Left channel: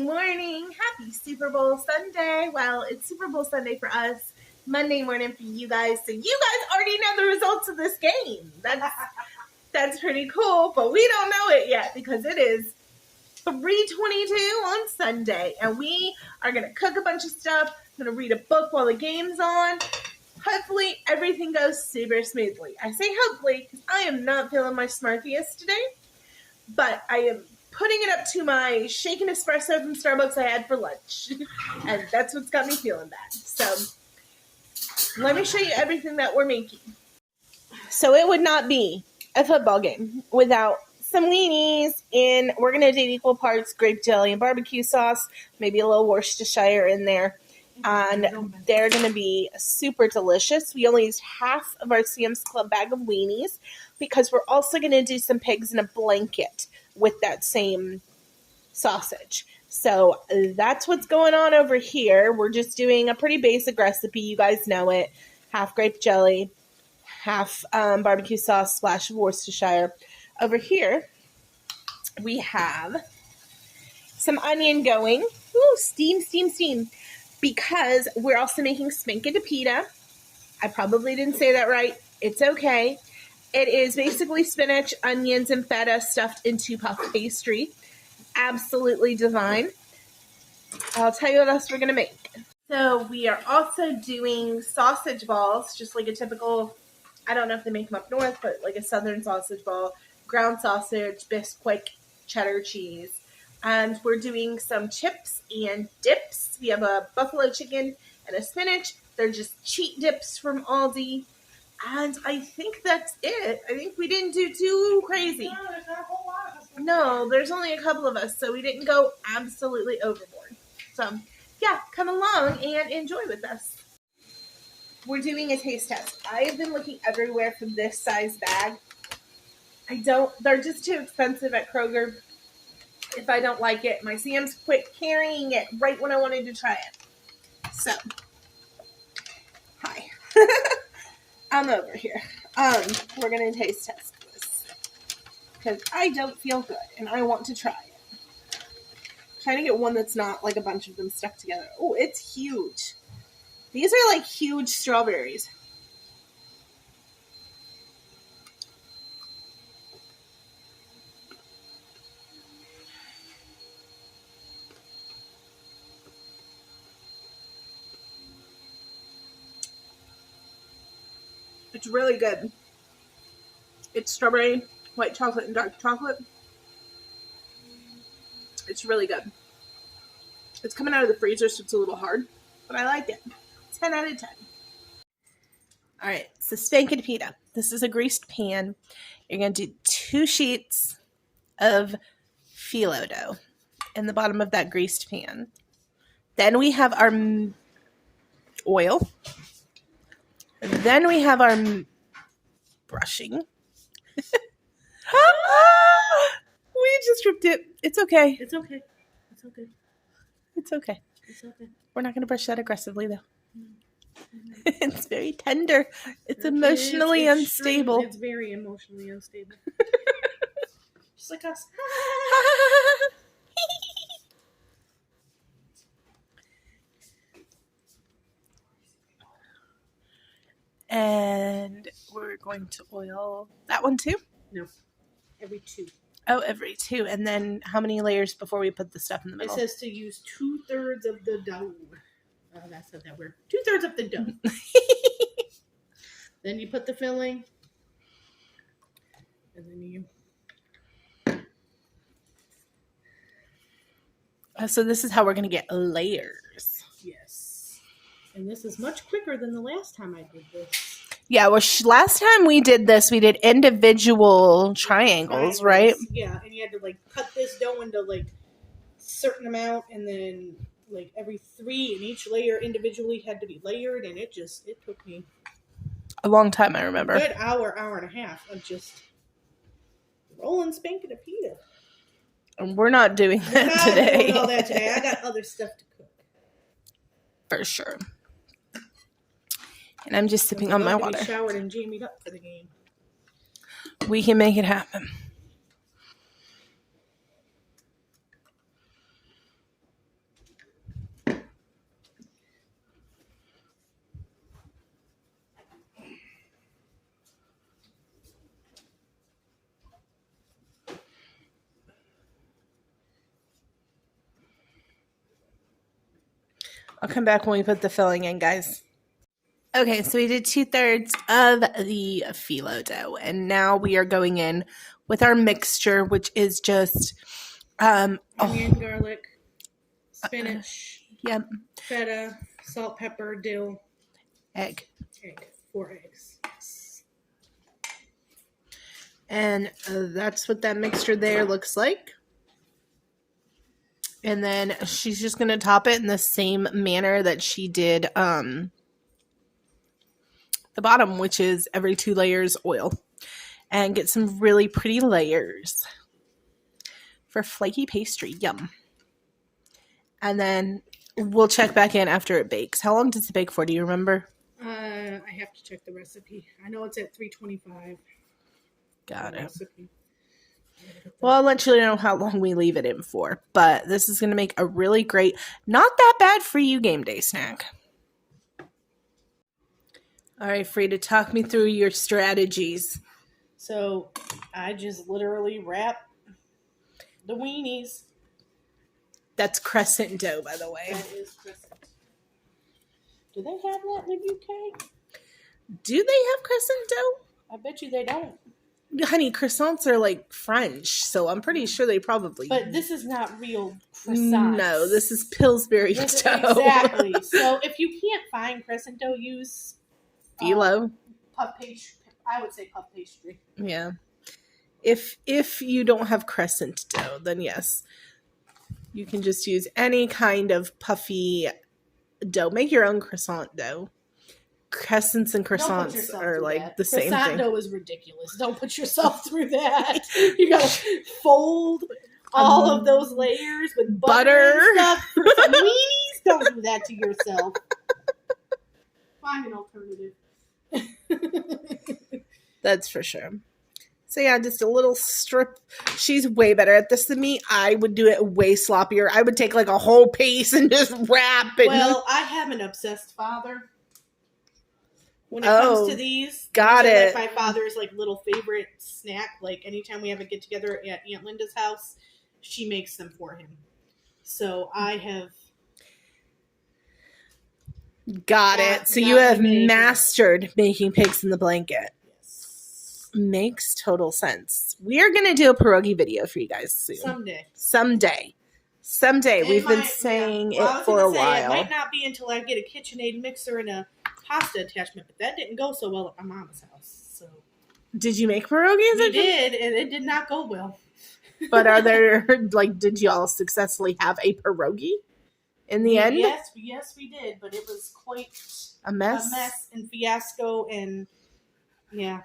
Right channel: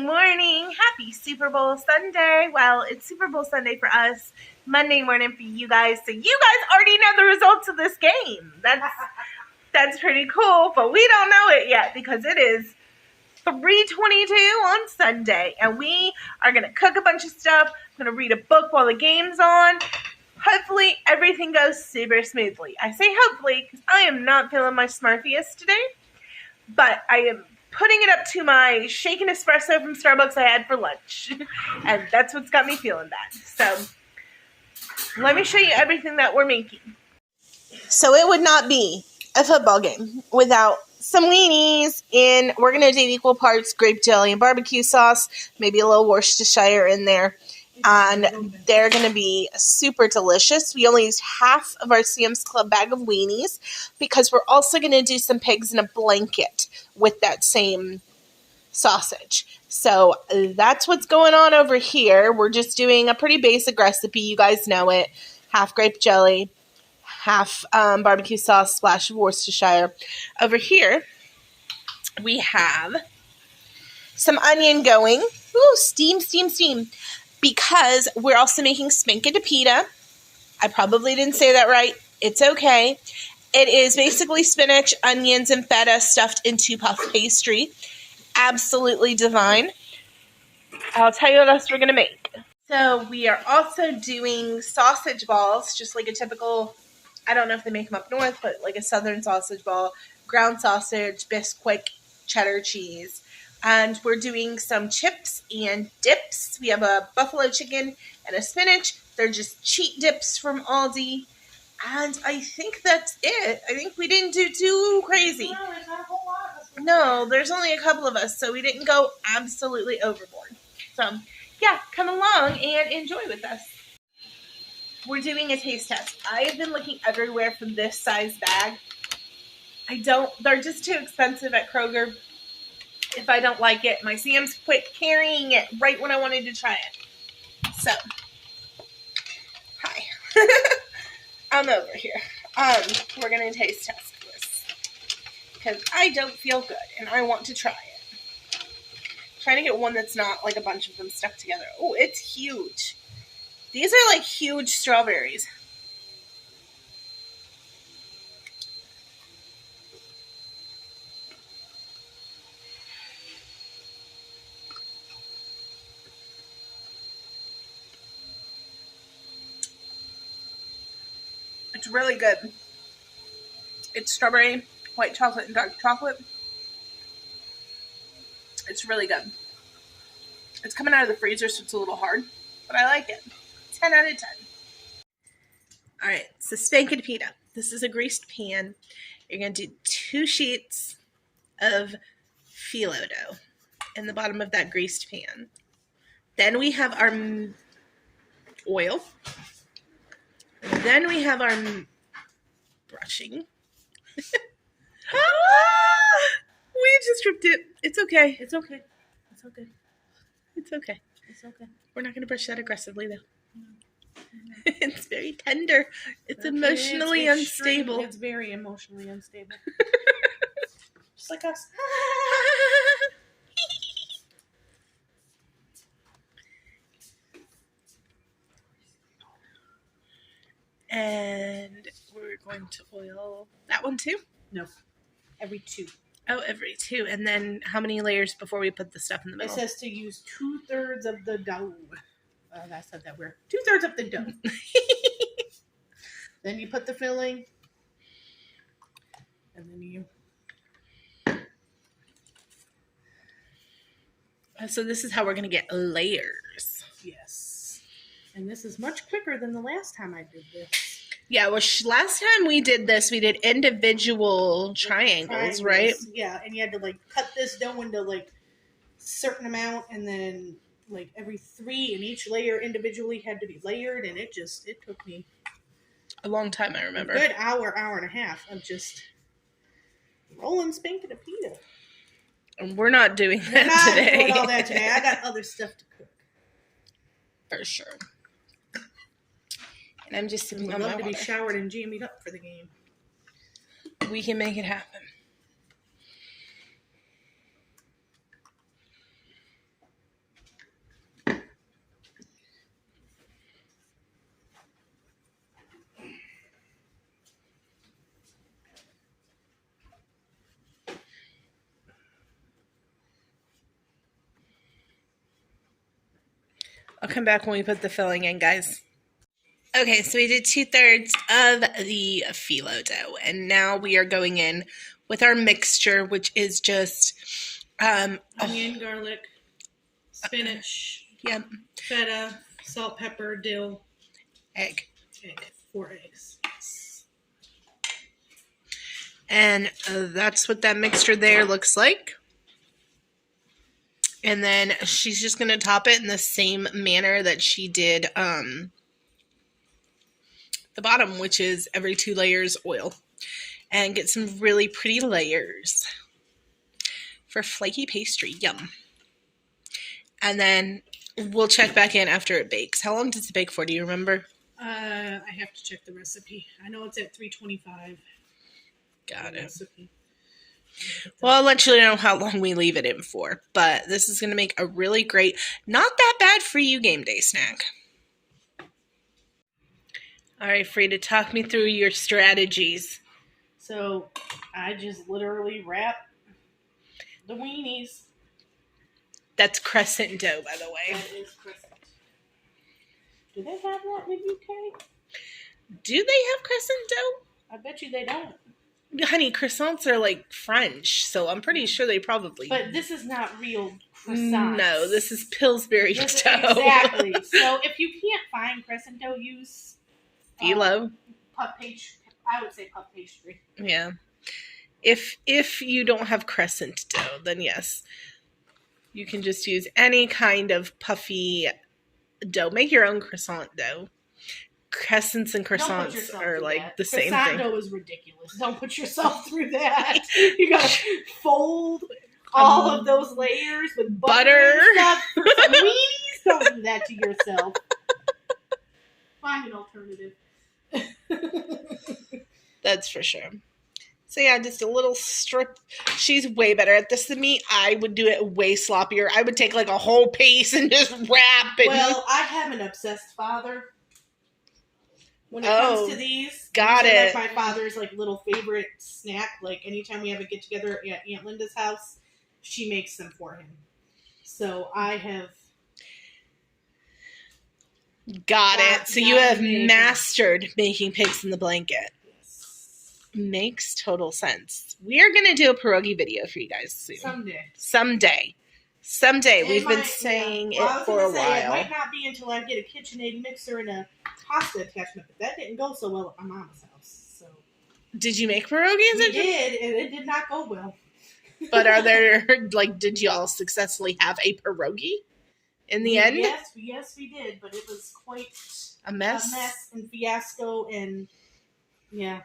Morning. Happy Super Bowl Sunday. Well, it's Super Bowl Sunday for us, Monday morning for you guys. So you guys already know the results of this game. That's pretty cool, but we don't know it yet because it is 3:22 on Sunday, and we are going to cook a bunch of stuff. I'm going to read a book while the game's on. Hopefully, everything goes super smoothly. I say hopefully because I am not feeling my smartiest today, but I am putting it up to my shaken espresso from Starbucks I had for lunch. And that's what's got me feeling bad. So let me show you everything that we're making. So it would not be a football game without some weenies. And we're going to do equal parts grape jelly and barbecue sauce, maybe a little Worcestershire in there. And they're going to be super delicious. We only used half of our Sam's Club bag of weenies because we're also going to do some pigs in a blanket with that same sausage. So that's what's going on over here. We're just doing a pretty basic recipe. You guys know it. Half grape jelly, half barbecue sauce / Worcestershire. Over here, we have some onion going. Ooh, steam. Because we're also making spank de pita. I probably didn't say that right. It's okay. It is basically spinach, onions, and feta stuffed into puff pastry. Absolutely divine. I'll tell you what else we're going to make. So we are also doing sausage balls, just like a typical, I don't know if they make them up north, but like a southern sausage ball. Ground sausage, Bisquick, cheddar cheese. And we're doing some chips and dips. We have a buffalo chicken and a spinach. They're just cheat dips from Aldi. And I think that's it. I think we didn't do too crazy. No, there's only a couple of us, so we didn't go absolutely overboard. So, yeah, come along and enjoy with us. We're doing a taste test. I have been looking everywhere for this size bag. They're just too expensive at Kroger. If I don't like it, my Sam's quit carrying it right when I wanted to try it. So, hi. I'm over here. We're going to taste test this. Because I don't feel good, and I want to try it. Trying to get one that's not like a bunch of them stuck together. Oh, it's huge. These are like huge strawberries. It's really good. It's strawberry, white chocolate, and dark chocolate. It's really good. It's coming out of the freezer, so it's a little hard, but I like it. 10 out of 10. All right, so spank de pita. This is a greased pan. You're going to do 2 sheets of phyllo dough in the bottom of that greased pan. Then we have our oil. And then we have our brushing. We just ripped it. It's okay. It's okay. It's okay. It's okay. It's okay. We're not going to brush that aggressively, though. No. It's very tender. It's emotionally unstable. It's very emotionally unstable. Just like us. And we're going to oil that one too? No. Every 2. Oh, every 2. And then how many layers before we put the stuff in the middle? It says to use 2/3 of the dough. I said that weird. 2/3 of the dough. Then you put the filling. And then you... So this is how we're going to get layers. Yes. And this is much quicker than the last time I did this. Yeah, well, last time we did this, we did individual triangles, right? Yeah, and you had to, like, cut this dough into, like, certain amount, and then, like, every 3 in each layer individually had to be layered, and it took me a long time, I remember. A good hour and a half of just rolling spanking a pita. And we're not doing We're that not today. doing all that today. I got other stuff to cook. For sure. And I'm just sipping I'd on love my to water. be showered and jammied up for the game. We can make it happen. I'll come back when we put the filling in, guys. Okay, so we did 2/3 of the phyllo dough, and now we are going in with our mixture, which is just Onion, garlic, spinach, yep, feta, salt, pepper, dill, egg. 4 eggs. And that's what that mixture there looks like. And then she's just going to top it in the same manner that she did the bottom, which is every 2 layers oil. And get some really pretty layers for flaky pastry. Yum. And then we'll check back in after it bakes. How long does it bake for? Do you remember? I have to check the recipe. I know it's at 325. Got it. Recipe. Well, I'll let you know how long we leave it in for. But this is going to make a really great, not that bad for you game day snack. All right, Frida, talk me through your strategies. So I just literally wrap the weenies. That's crescent dough, by the way. That is crescent. Do they have that in the UK? Do they have crescent dough? I bet you they don't. Honey, croissants are like French, so I'm pretty sure they probably. But this is not real croissants. No, this is Pillsbury dough. Exactly. So if you can't find crescent dough, use phyllo. Puff pastry. I would say puff pastry. Yeah. If you don't have crescent dough, then yes, you can just use any kind of puffy dough. Make your own croissant dough. Crescents and croissants are like that. the same Croissant thing. dough is ridiculous. Don't put yourself through that. You gotta fold all of those layers with butter and stuff for some weenies. Don't do that to yourself. Find an alternative. That's for sure. So yeah, just a little strip. She's way better at this than me. I would do it way sloppier. I would take like a whole piece and just wrap it. Well, I have an obsessed father. When it comes to these, got it. Like my father's like little favorite snack. Like anytime we have a get together at Aunt Linda's house, she makes them for him. So I have got it. So you have mastered making pigs in the blanket. Yes, makes total sense. We are gonna do a pierogi video for you guys soon. Someday. We've been saying it for a while. It might not be until I get a KitchenAid mixer and a pasta attachment, but that didn't go so well at my mama's house. So, did you make pierogies? We did, and it did not go well. But are there did y'all successfully have a pierogi in the end? Yes, we did, but it was quite a mess and fiasco, and yeah.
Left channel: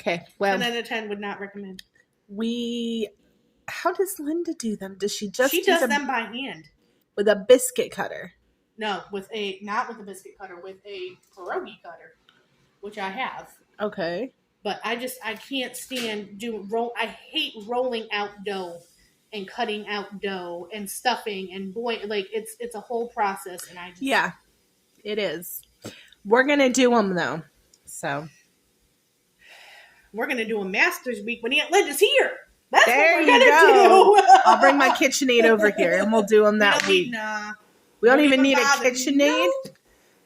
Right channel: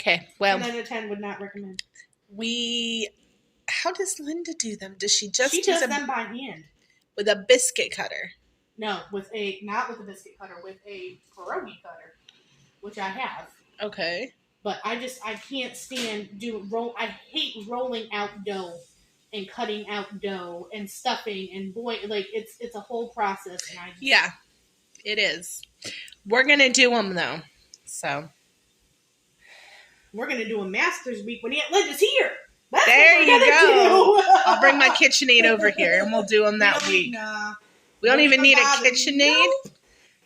Okay, well, 10 out of 10 would not recommend. How does Linda do them? Does she just? She does them by hand with a biscuit cutter. No, not with a biscuit cutter, with a pierogi cutter, which I have. Okay. But I can't stand I hate rolling out dough and cutting out dough and stuffing and it's a whole process, and yeah, it is. We're gonna do them though, so we're gonna do a Masters Week when Aunt Linda's here. That's there what we're gonna go. Do. I'll bring my KitchenAid over here and we'll do them that week. We don't even need a KitchenAid. No.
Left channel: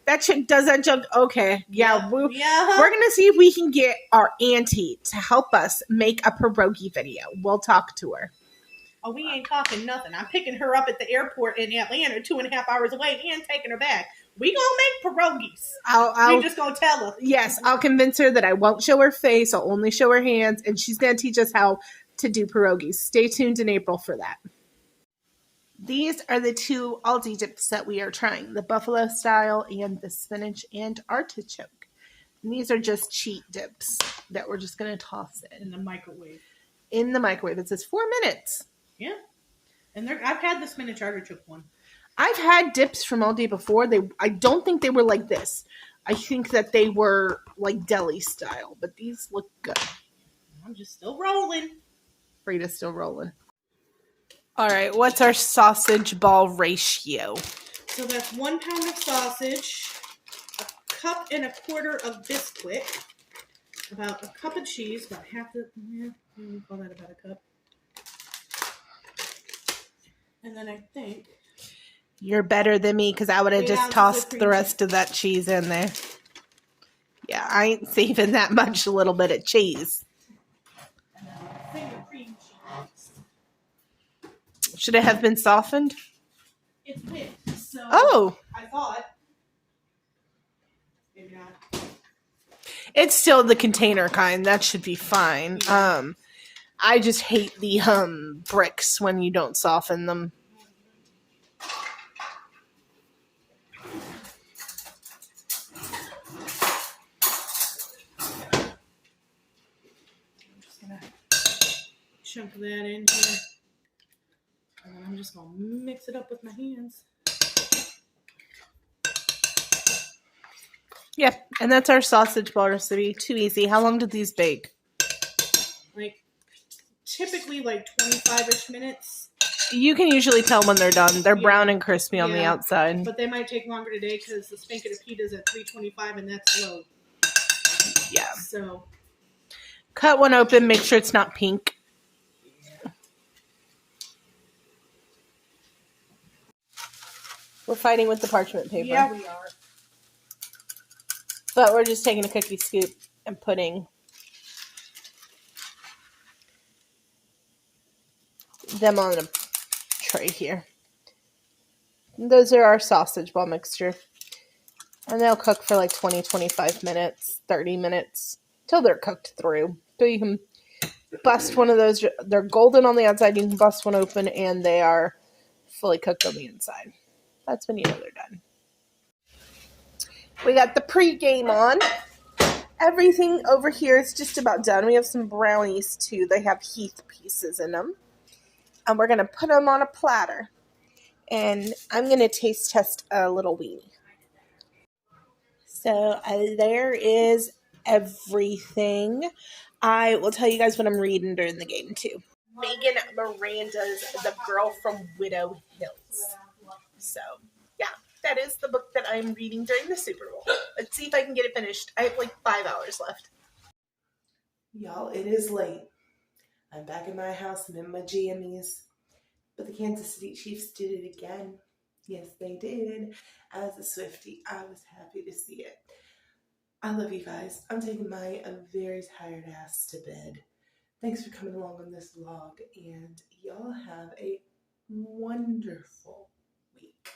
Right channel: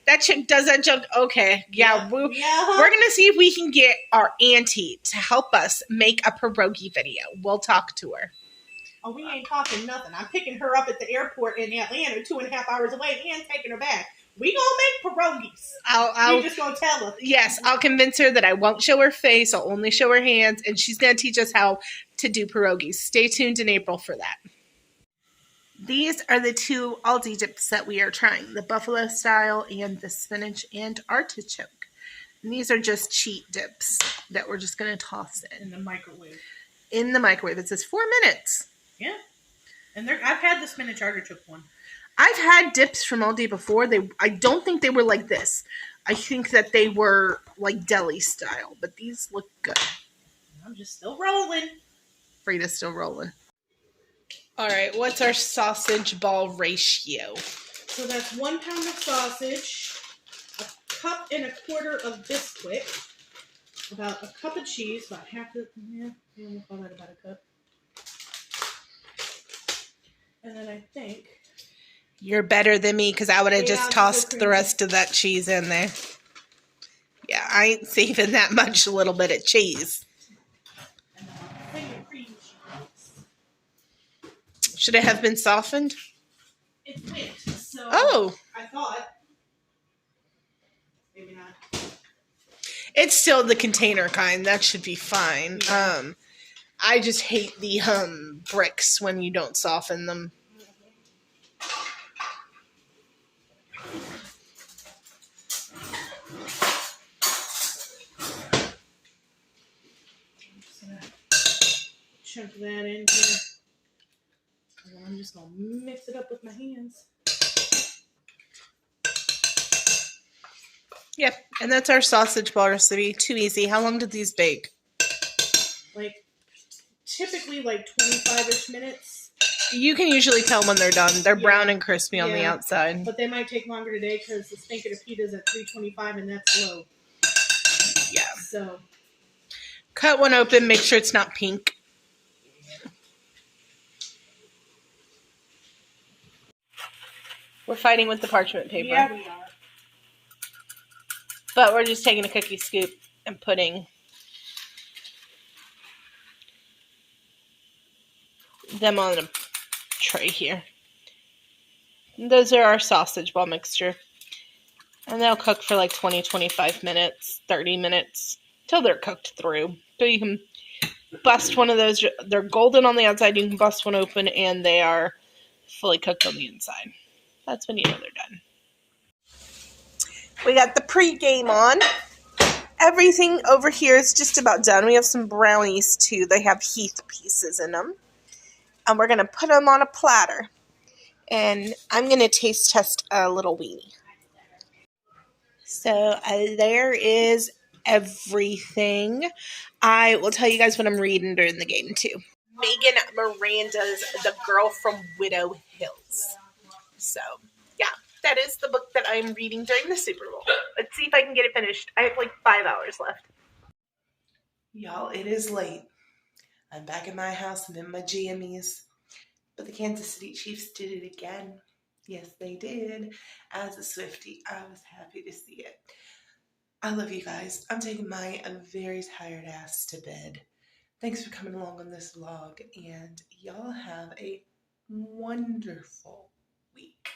That chick does that junk. Okay. Yeah. We're going to see if we can get our auntie to help us make a pierogi video. We'll talk to her. Oh, we ain't talking nothing. I'm picking her up at the airport in Atlanta 2.5 hours away and taking her back. We gonna make pierogies. You're just gonna tell her. Yes, I'll convince her that I won't show her face. I'll only show her hands, and she's gonna teach us how to do pierogies. Stay tuned in April for that. These are the 2 Aldi dips that we are trying, the buffalo style and the spinach and artichoke. And these are just cheat dips that we're just going to toss in. In the microwave. In the microwave. It says 4 minutes. Yeah. And I've had the spinach artichoke one. I've had dips from all day before. I don't think they were like this. I think that they were like deli style, but these look good. I'm just still rolling. Frida's still rolling. All right, what's our sausage ball ratio? So that's 1 pound of sausage, a cup and a quarter of Bisquick, about a cup of cheese, about half the, we'll call that about a cup. And then I think... You're better than me because I would have just tossed the rest of that cheese in there. Yeah, I ain't saving that much little bit of cheese. And then a thing of cream cheese. Should it have been softened? It went, so I thought. Maybe not. It's still the container kind. That should be fine. Yeah. I just hate the bricks when you don't soften them. Chunk that in here. And then I'm just going to mix it up with my hands. Yeah, and that's our sausage ball recipe. Too easy. How long did these bake? Like, typically like 25-ish minutes. You can usually tell when they're done. They're brown and crispy on the outside. But they might take longer today because the Spankin' of Pita's at 325 and that's low. Yeah. So. Cut one open. Make sure it's not pink. We're fighting with the parchment paper. Yeah, we are. But we're just taking a cookie scoop and putting them on a tray here. And those are our sausage ball mixture. And they'll cook for like 20-25 minutes, 30 minutes, till they're cooked through. So you can bust one of those. They're golden on the outside. You can bust one open and they are fully cooked on the inside. That's when you know they're done. We got the pregame on. Everything over here is just about done. We have some brownies too. They have Heath pieces in them. And we're going to put them on a platter. And I'm going to taste test a little weenie. So there is everything. I will tell you guys what I'm reading during the game too. Megan Miranda's The Girl from Widow Hills. So, yeah, that is the book that I'm reading during the Super Bowl. Let's see if I can get it finished. I have like 5 hours left. Y'all, it is late. I'm back in my house and in my jammies. But the Kansas City Chiefs did it again. Yes, they did. As a Swiftie, I was happy to see it. I love you guys. I'm taking my very tired ass to bed. Thanks for coming along on this vlog. And y'all have a wonderful week.